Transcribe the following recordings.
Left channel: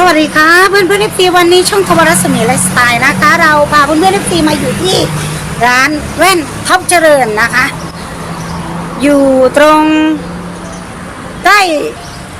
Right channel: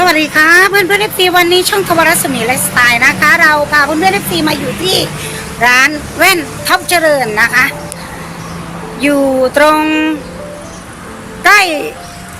สวัสดีค่ะเพื่อนเพื่อนเอฟซีวันนี้ช่องกวรัศมีไลฟ์สไตล์นะคะ เราพาเพื่อนเพื่อนเอฟซีมาอยู่ที่ร้านแว่นท็อปเจริญนะคะ อยู่ตรงใกล้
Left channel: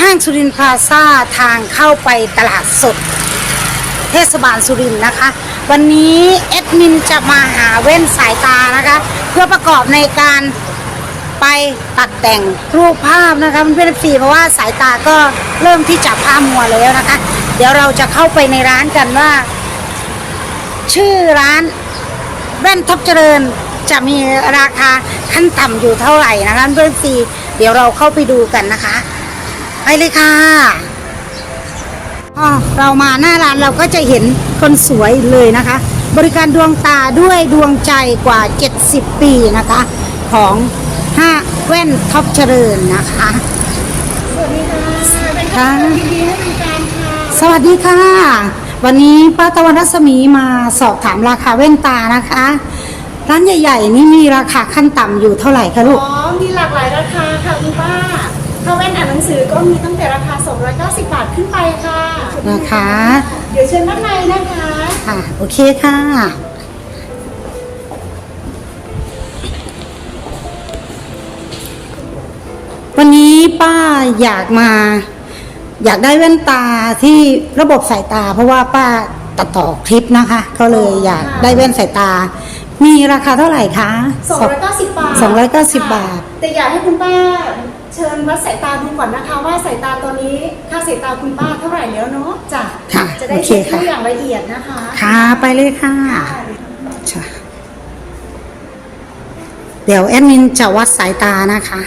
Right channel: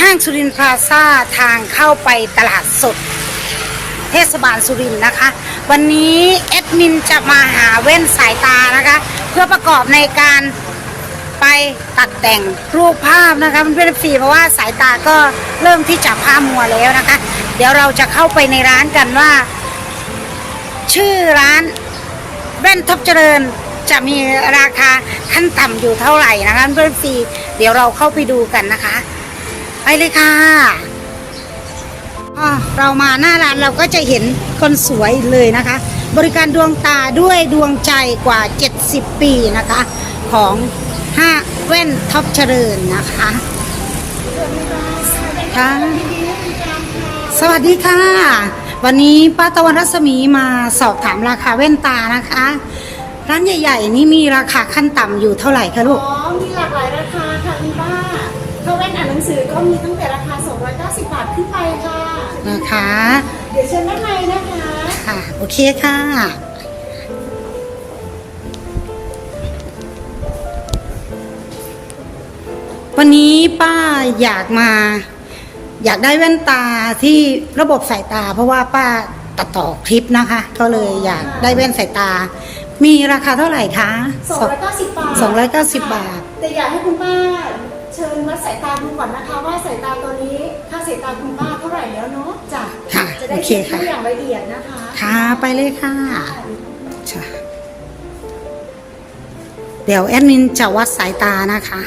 ห้างสุรินทร์พลาซ่าทางเข้าไปตลาดสด เทศบาลสุรินทร์นะคะ วันนี้เอดมินจะมาหาแว่นสายตานะคะ เพื่อประกอบในการไปตัดแต่งรูปภาพนะคะเพื่อนๆฟีเพราะว่าสายตาก็เริ่มที่จะพร่ามัวแล้วนะคะ เดี๋ยวเราจะเข้าไปในร้านกันว่า ชื่อร้านแว่นท็อปเจริญจะมีราคาขั้นต่ำอยู่เท่าไหร่นะคะเพื่อนๆฟีเดี๋ยวเราเข้าไปดูกันนะคะ ไปเลยค่ะอ๋อเรามาหน้าร้านเราก็จะเห็นคนสวยเลยนะคะ บริการดวงตาด้วยดวงใจกว่า 70 ปีนะคะ ของห้าแว่นท็อปเจริญนะคะค่ะ สวัสดีค่ะ วันนี้ป้าตะวันรัศมีมาสอบถามราคาแว่นตานะคะ ร้านใหญ่ ๆ นี่มีราคาขั้นต่ำอยู่เท่าไหร่คะลูอ๋กอมีหลากหลายราคาค่ะคุณป้า ถ้าแว่นอ่านหนังสือก็มีตั้งแต่ราคา 290 บาทขึ้นไปค่ะ นะคะ เดี๋ยวเชิญด้านในนะคะ ค่ะ โอเคค่ะ วันนี้ป้าอยากมา อยากได้แว่นตาที่ระบบสายตา เพราะว่าป้าตัดต่อคลิปนะคะ ก็เลยอยากได้แว่นสายตา มีราคาเท่าไหร่คะ290 บาท290 บาท แต่อยากให้คุณป้าเชิญวัดสายตาดูก่อนนะคะ ว่าสายตาตอนนี้ค่าสายตาคุณป้าเท่าไหร่แล้วเนาะจ้ะค่ะจะได้โอเคเช็คค่ะ ดูอย่างละเอียดนะคะ ค่ะไปเลยค่ะใช่เดี๋ยวแอดมินจะวัดสายตานะคะ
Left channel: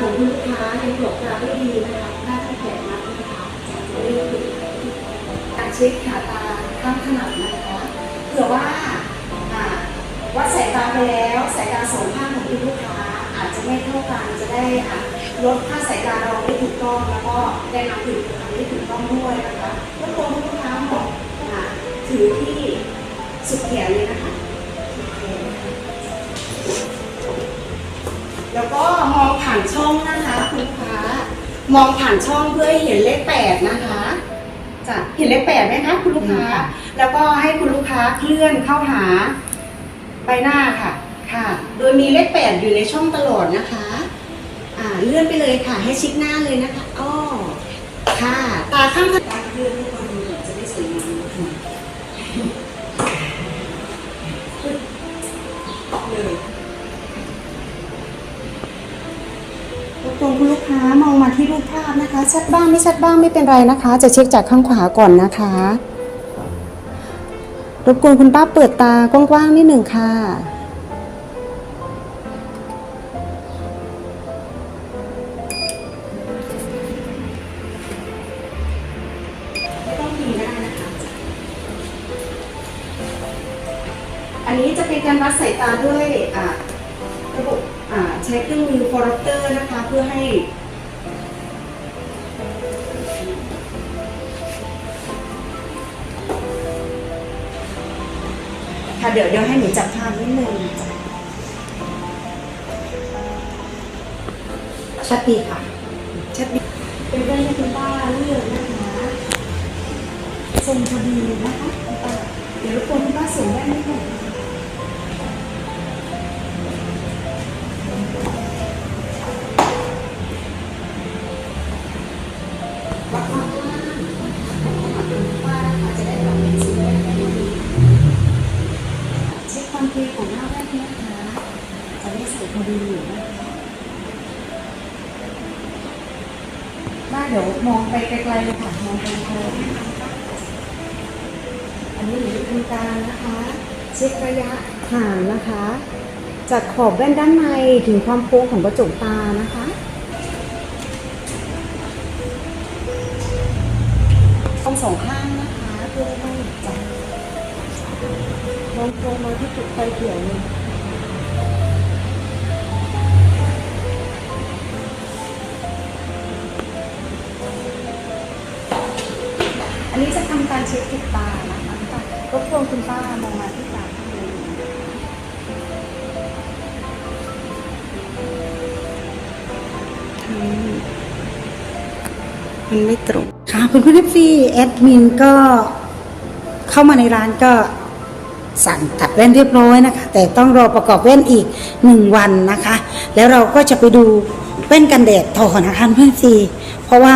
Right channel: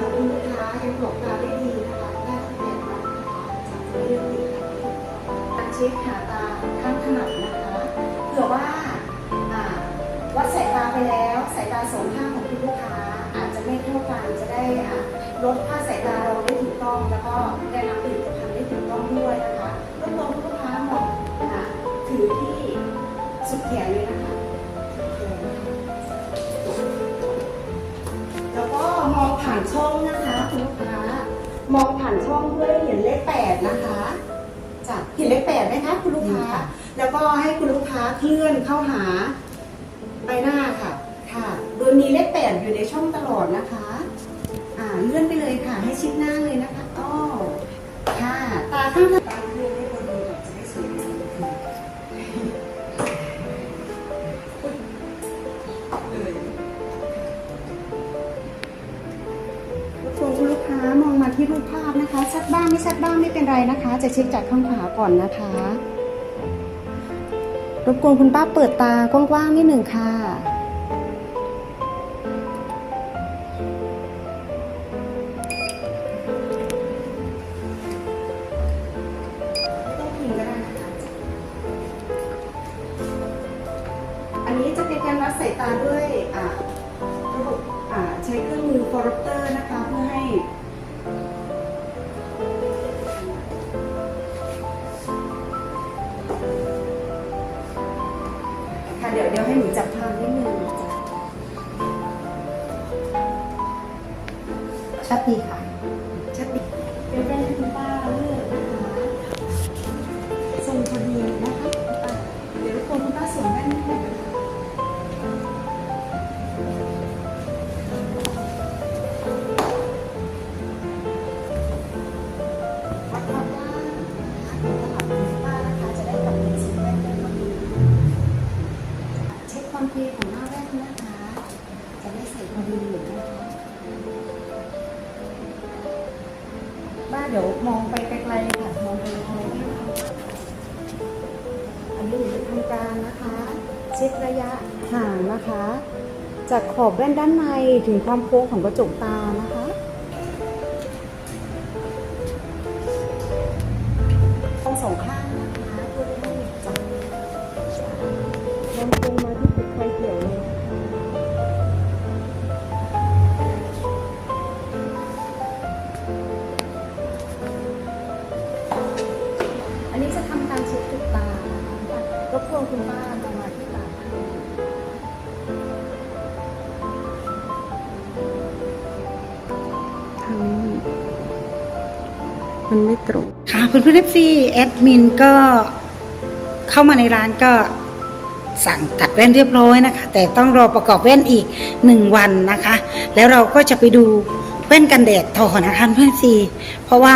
ของคุณลูกค้าให้กรอกตาให้ดีนะคะได้ตั้งแต่มาที่ทางจากเรื่องการเช็คขาตาข้างขนาดนะคะเผื่อว่าอ่าวัดสายตาไปแล้วสายตาสองข้างของคุณลูกค้าอาจจะไม่เท่ากันจะได้อะลดค่าสายตาเราได้ถูกต้องแล้วก็ได้รับผลิตภัณฑ์ที่ถูกต้องด้วยนะคะ มองผ่านช่องเพื่อให้เห็นเลขแปดนะคะจะเห็นเลขแปดไหมคะคุณลูกค้า แล้วก็ให้คุณลูกค้าเคลื่อนเข้าหาใบหน้าค่ะ ค่ะ โดยมีเลขแปดอยู่ในช่องตลอดนะคะ อ่าเลื่อนไปเลยค่ะให้ชิดหน้าเลยนะคะอ้อค่ะ ตาข้าง คุณลูกค้ามองมาที่รูปภาพนะคะ ชัดบ้างไม่ชัดบ้างไม่เป็นไรนะคะ จะเช็คจากข้างขวาก่อนนะคะรบกวนคุณป้าเปิดตากว้างๆนิดหนึ่งค่ะอันนี้จะเป็นการวัดสายตาด้วยอะบบอ่า ใช้เครื่องมือฟอร์เตอร์นะคะ เพื่อให้ค่ะเดี๋ยวเดี๋ยวให้หนูจับภาพนิดนึงชัดดีค่ะชัดดีเดี๋ยวได้ไหม เช็คระยะห่างนะคะ จากขอบแว่นด้านในถึงความโค้งของกระจกตานะคะต้องสองข้างนะคะเพื่อให้จับลงลงมาที่จุดไฟเขีอันนี้จะทำการเช็คติดตา มันไม่ตรงค่ะเพื่อนๆเอฟซีแอดมินก็เข้ามาในร้านก็สั่งตัดแว่นเรียบร้อยนะคะ แต่ต้องรอประกอบแว่นอีกหนึ่งวันนะคะ แล้วเราก็จะไปดูแว่นกันแดดต่อนะคะเพื่อนซีเพราะว่า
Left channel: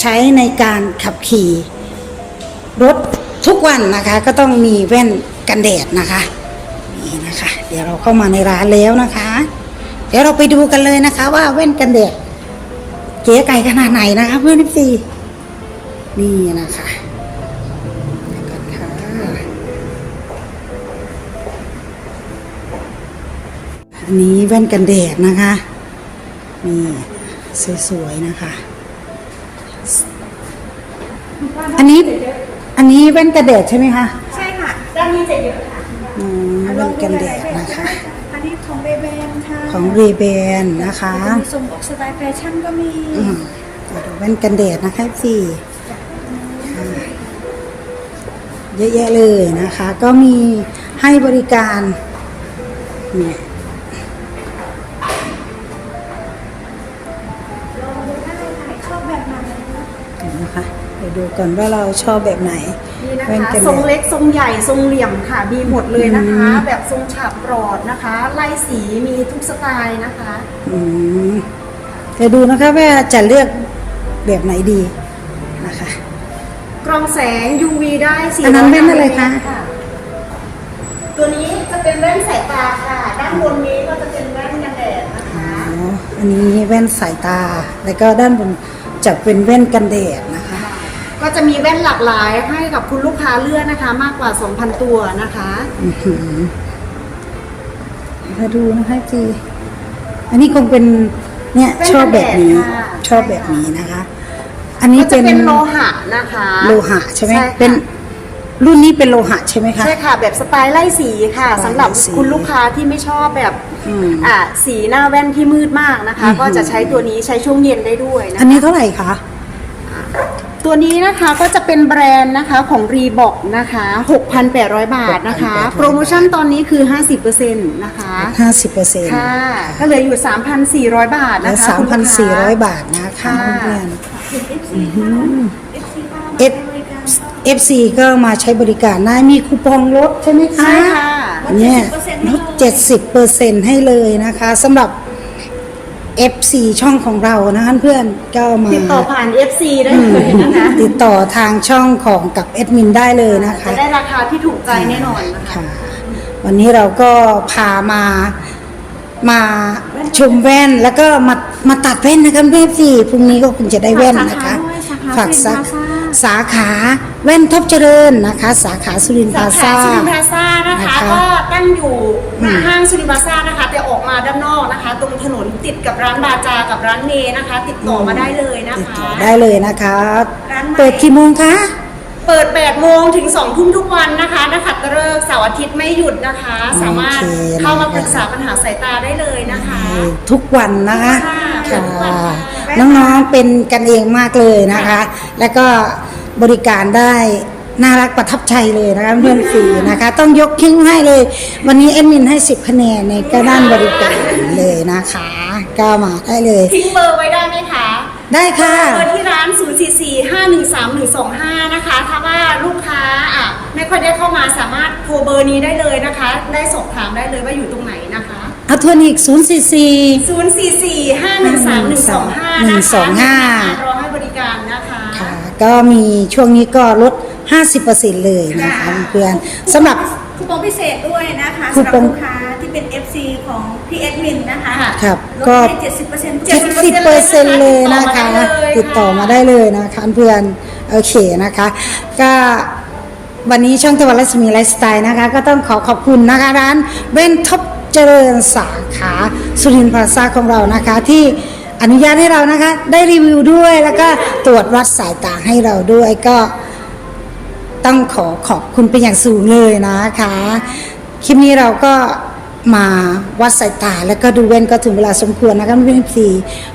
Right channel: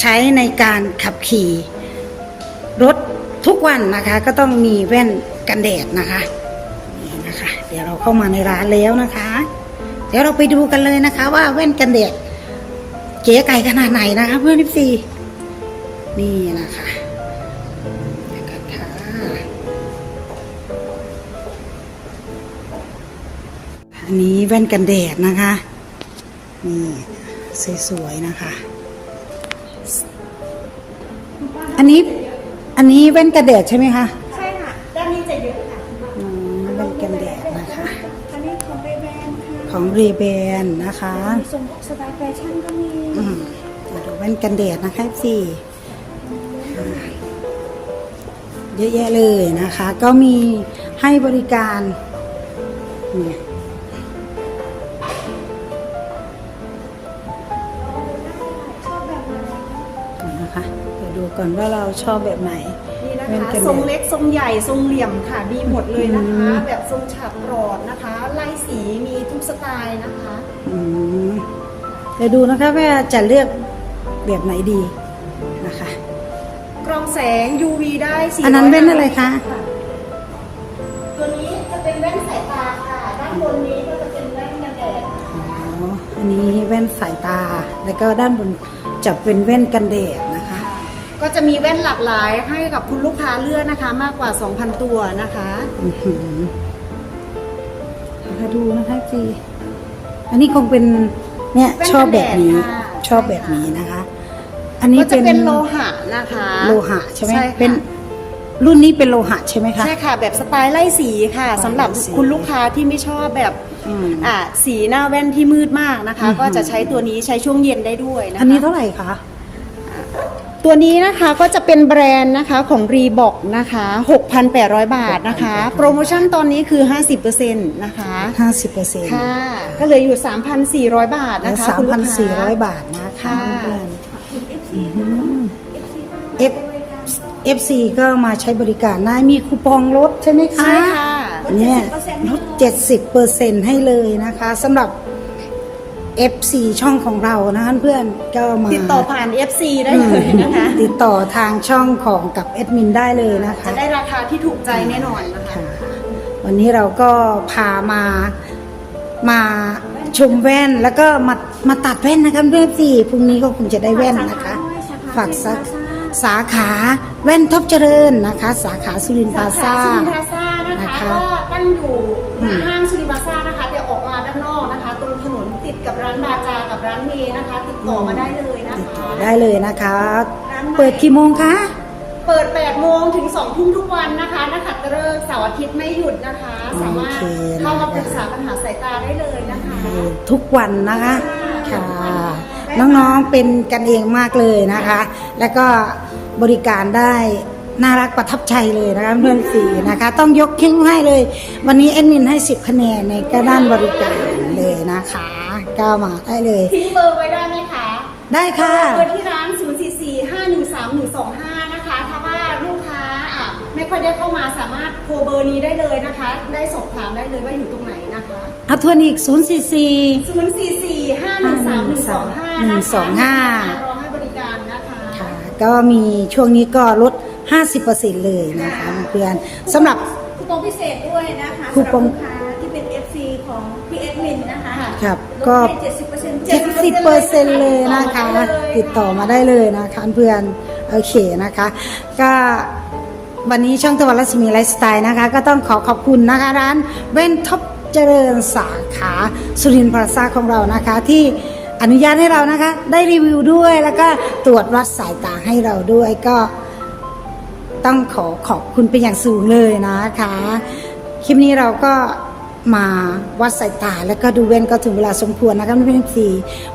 ใช้ในการขับขี่รถทุกวันนะคะ ก็ต้องมีแว่นกันแดดนะคะนี่นะคะ เดี๋ยวเราเข้ามาในร้านแล้วนะคะ เดี๋ยวเราไปดูกันเลยนะคะ ว่าแว่นกันแดด ก๋ไก่ขนาดไหนนะคะเพื่อนพี่ซีนี่นะคะเดี๋ยวก่อนค่ะอันนี้แว่นกันแดดนะคะ นี่สวยๆนะคะ อันนี้อันนี้แว่นกันแดดใช่ไหมคะ ใช่ค่ะด้านนี้จะเยอะค่ะอืมแว่นกันแดดนะคะ อันนี้ของเรเบนค่ะ ของเรเบนนะคะมีทรงออกสไตล์แฟชั่นก็มีอืมเราดูแว่นกันแดดนะคะสี่เยอะแยะเลยนะคะ ก็มีให้บริการเนี่ยชอบแบบไหนก่อนนะคะเดี๋ยวดูก่อนว่าเราชอบแบบไหน นี่นะแว่นคะกันแดดทรงเล็กทรงใหญ่ทรงเหลี่ยมค่ะมีหมดเลยนะคะ แบบทรงฉาบกรอดนะคะลายสีมีทุกสไตล์นะคะอืมเดี๋ยวดูนะคะว่าจะเลือกแบบไหนดีนะคะกรองแสง UV ได้400อันนั้นแว่นอะไรคะตัวนี้จะเป็นแว่นสายตาค่ะ ด้านบนนี้ก็จะเป็นแว่นกันแดดนะคะอ๋ออันนี้แว่นสายตาแล้วก็ด้านบนจะเป็นแว่นกันแดดนะคะ ก็จะมีแว่นหลากหลายให้กับคุณลูกค้าเลือกนะคะ มากกว่า 2,000 ตัวนะคะอื้อหือมาดูนะคะจีอันนี้คงเป็นเนี่ยแว่นชอบแบบนี้กันแดดค่ะชอบแบบนี้นะคะ อันนี้ก็จะเป็นเป็นโลหะนะคะ โลหะใช่ไหมใช่ค่ะเป็นรุ่นนี้เป็นโลหะใช่ไหมคะใช่ค่ะ แบบสไตล์ไล่สีค่ะสำหรับไล่สีคุณลูกค้าที่ไม่ชอบแบบอืมอ่าสีหน้าแว่นที่มืดมากนะคะอือหือก็จะใช้ตัวนี้ใช้ช่วงเย็นได้ด้วยนะอันนี้เท่าไหร่คะ ตัวนี้นะคะก็จะเป็นแบรนด์นะคะของ r e b o k นะคะ 6,800 บาทนะคะ6,800โปรโมชั่นตอนนี้คือ 50%นะคะ ห้าสิบเปอร์เซ็นต์ค่ะ ก็เหลืออยู่ 3,400 บาทและนะคะสามคุณลูพันกสี่ค้าร้อยบาทนะคะค่ะ เพื่อนเอฟเอฟซีก็มาใช้บริการได้มีคูปองลดใช่ไหมคะใช่ค่ะ เนี่ยลด70เปอร์เซ็นต์ให้เลยนะคะสำหรับ FC ช่องของเรานะคะเพื่อนก็มา ติดต่อผ่าน FC ได้เลยนะคะ ติดต่อทางช่องของกับแอดมินได้เลยนะคะ จะได้ราคาที่ถูกใจแน่นอนนะคะ ค่ะวันนี้เราก็พามามาชมแว่นแล้วก็มามาตัดแว่นนะคะพี่พี่พรุ่งนี้ก็คุณจะได้แว่นนะคะ ฝากสาสาขาแว่นท็อปเจริญนะคะ สาขาสุรินทร์พสาลาขาซ่า สุรินทร์พลาซ่านะคะ นะคะก็ตั้งอยู่หน้าอืมห้างสุรินทร์พลาซ่านะคะ ติดกับร้านบาจากับร้านเมนะคะ ติดต่อมาได้เลยนะติดคะ ต่อได้เลยนะคะ ร้านใหม่ เปิดกี่โมงคะ เปิด 8 โมงถึง 2 ทุ่มทุกวันนะคะนักขัตฤกษ์เสาร์อาทิตย์ไม่หยุดนะคะ สามารถโอเคเข้ามาปรึกษาปัญหาสายตาได้เลยนะคะ ทุกวันนะคะค่ะค่ะทุกวันค่ะน้องๆเป็นกันเองมากเลยนะคะ แล้วก็บริการได้น่ารักประทับใจเลยนะคะเพื่อนฟรีนะคะ ต้องยกคิ้งให้เลย วันนี้เอ็ดมินให้ 10คะแนนในก็ด้านบริการเลย นะคะ ก็มาได้เลย ทิ้งเบอร์ไว้ได้ไหมคะ ได้ค่ะ เบอร์ที่ร้าน 044-513-125 นะคะ ถ้าว่าลูกค้าอะไม่ค่อยได้เข้ามาสามารถโทรเบอร์นี้ได้เลยนะคะ ได้สอบถามได้เลยว่าอยู่ตรงไหนนะคะ อัทวนิก044 044-513-125นะคะ125 รอให้บริการนะคะ ค่ะ ก็มีช่วงนี้ก็ลด 50%เลยนะคะเพื่อนๆสำหรับ คูปองพิเศษด้วยนะคะคูสำหรับปอง ลูกค้าที่เป็น FC ของ พี่เอ็ดมินนะคะค่ะครับลดก็ให้70% 70เปอร์เซ็นต์เลยนะคะ ติดต่อมาได้เลยนะคะเพื่อนโอเคนะคะ ก็วันนี้ช่องตะวันรัศมีไลฟ์สไตล์นะคะ ก็ต้องขอขอบคุณนะคะร้านเว้นท็อปเจริญสาขาสุรินทร์พลาซ่าของเรานะคะ ที่อนุญาตให้เรานะคะ ได้รีวิวด้วยแล้วก็ตรวจวัดสายตาให้เราด้วยก็ต้องขอขอบคุณเป็นอย่างสูงเลยนะคะ คลิปนี้เราก็ มาวัดสายตาแล้วก็ดูแว่นก็ถึงเวลาสมควรนะคะเพื่อนๆ FC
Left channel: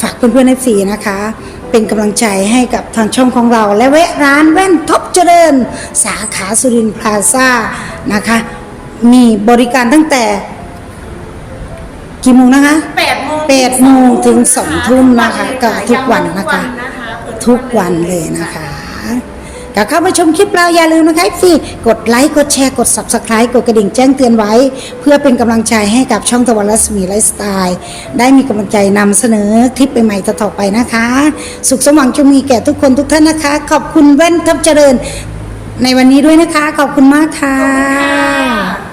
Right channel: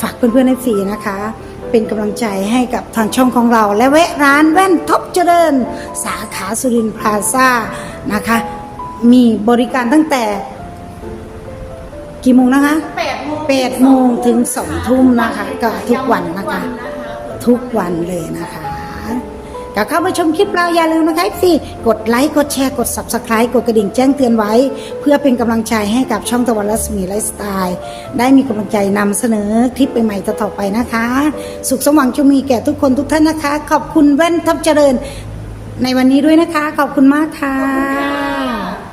ฝากเพื่อนๆ FC นะคะ เป็นกำลังใจให้กับทางช่องของเรา และแวะร้านแว่นท็อปเจริญ สาขาสุรินทร์พลาซ่านะคะ มีบริการตั้งแต่ กี่โมงนะคะ8โมง8โมงถึง2ทุ่มนะคะก็ทุกวันนะคะเปิดทุกวันเลยนะคะ ก็เข้าไปชมคลิปเราอย่าลืมนะคะฟรีกดไลค์กดแชร์กด subscribe กดกระดิ่งแจ้งเตือนไว้ เพื่อเป็นกำลังใจให้กับช่องตะวันรัศมีไลฟ์สไตล์ได้มีกำลังใจนำเสนอคลิปใหม่ๆต่อไปนะคะ สุขสมหวังจงมีแก่ทุกคนทุกท่านนะคะ ขอบคุณแว่นทับเจริญในวันนี้ด้วยนะคะ ขอบคุณมากค่ะ